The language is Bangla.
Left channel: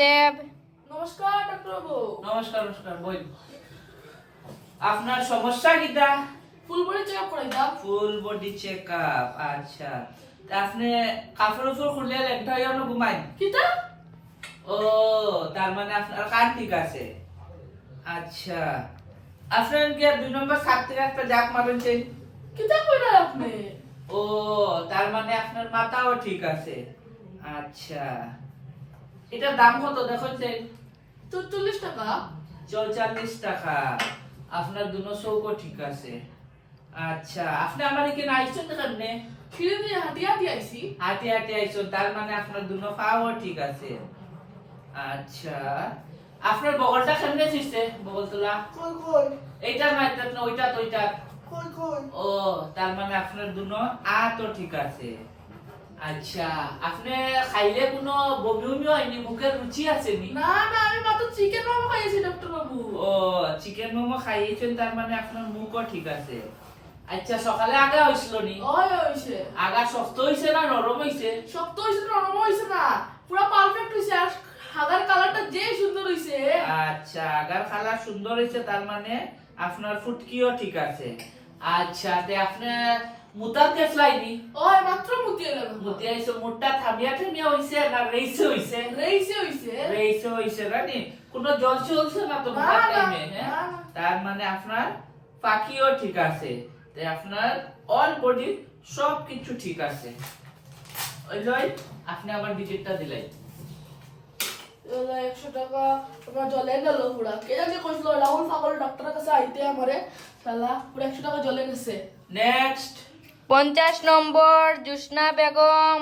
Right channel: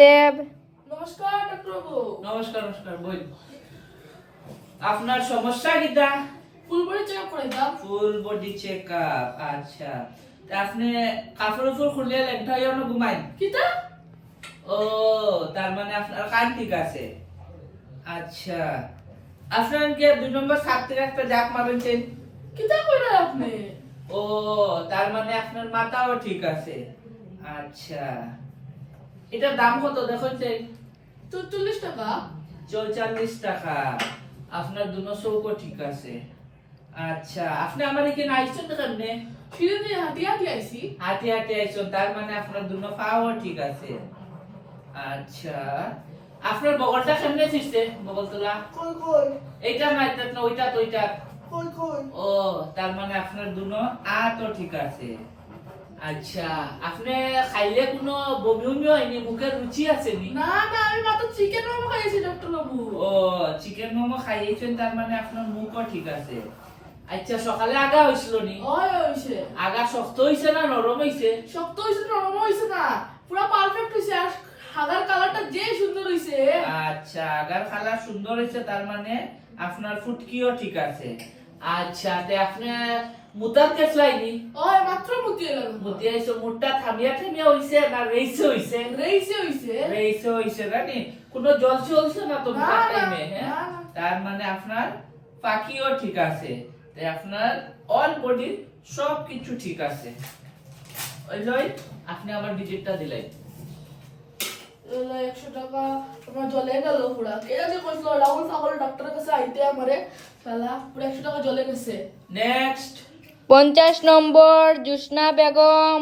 দেব। নমস্কার ডাক্তার বাবু। নমস্কার নমস্কার বই আপনার সমস্যা কিটা? ফুল বডি চেকআপ করাইতাম। ফুল বডি চেকআপ, আচ্ছা। তা আপনি কাপড় উপর খুললে লেনটা ইয়নো ঘুমাই কিটা? ও, তার মানে আপনার কান ঠিক আছে। আচ্ছা, আপনার কি 2 নম্বর ছাদ থেকে একটা জাপ মারেছেন? কিটা কইরা আপনি? ও, তার মানে আপনার মাথাও ঠিক আছে। আচ্ছা, এটার দাম কত দেখছেন? 44 টাকা। 44 টাকা। আপনার দুনো চৌকো ঠিক আছে। আচ্ছা, আপনি আমার এখানে আইছেন তো কেমনে? ফিরে দিয়ে হাঁটি হাঁটি আইছি। হাঁটি হাঁটি আইছেন, তার মানে আপনার দুনো পাও ঠিক আছে। আচ্ছা, আপনার বগলটা কেমনে ছিসছে? বগল তোলা কই কই এইটা না, এটা না, ওইটা তো ওইটা। কই কই। ও, তার মানে আপনার দুনো তো ঠিক আছে। আচ্ছা, আপনি খাইলে কোনো বমি বমি হয়নি? মুখের রুচি আছে নি? না না, আমি মাত্র চিকেন মোমো খাইছি ডাক্তার বাবু। ও, চিকেন মোমো খাইয়েছেন, তার মানে আপনার মুখও ঠিক আছে। আচ্ছা, সকালে আগা হইছিল নি? ওই হইছে। আগা শক্ত হইছে না নরম হইছে? শক্ত হইছে না নরম হইছে না, পুরো পারফেক্ট হইছে। আর হাগার কালারটা যে সুন্দর হইছে। আচ্ছা, আগার কালার সুন্দর হইছে, তার মানে আপনার ফুটকিও ঠিক আছে। আচ্ছা, তে আপনি মুতার কেসলাইনি? ওই মাত্র মুতি এলাম। মুতি আইছো, মুটটা থামিয়া থামিয়া হইছে না রেইছে হইছে? রেইছে হইছে। রেইছে হইছে জানি, কোনো জল চলছে না তো না, মুতার না, টাইমে? হ্যাঁ, না, না। তার মানে আপনার পাখিও ঠিক আছে। তাই আপনার অল বডি সব কিছু ঠিক আছে। ওই লই, আপনি আমার ভিজিটটা দিলাই। 100 টাকা আমার জলে গেল পুরা। কে জানি কইছিল রাহুল পাগল ডাক্তারের কাছে আইতে আমারে, শালা পুরা 100 টাকা জলে গেছে। নেক্সট। 50 নম্বর জুসনা বেগম।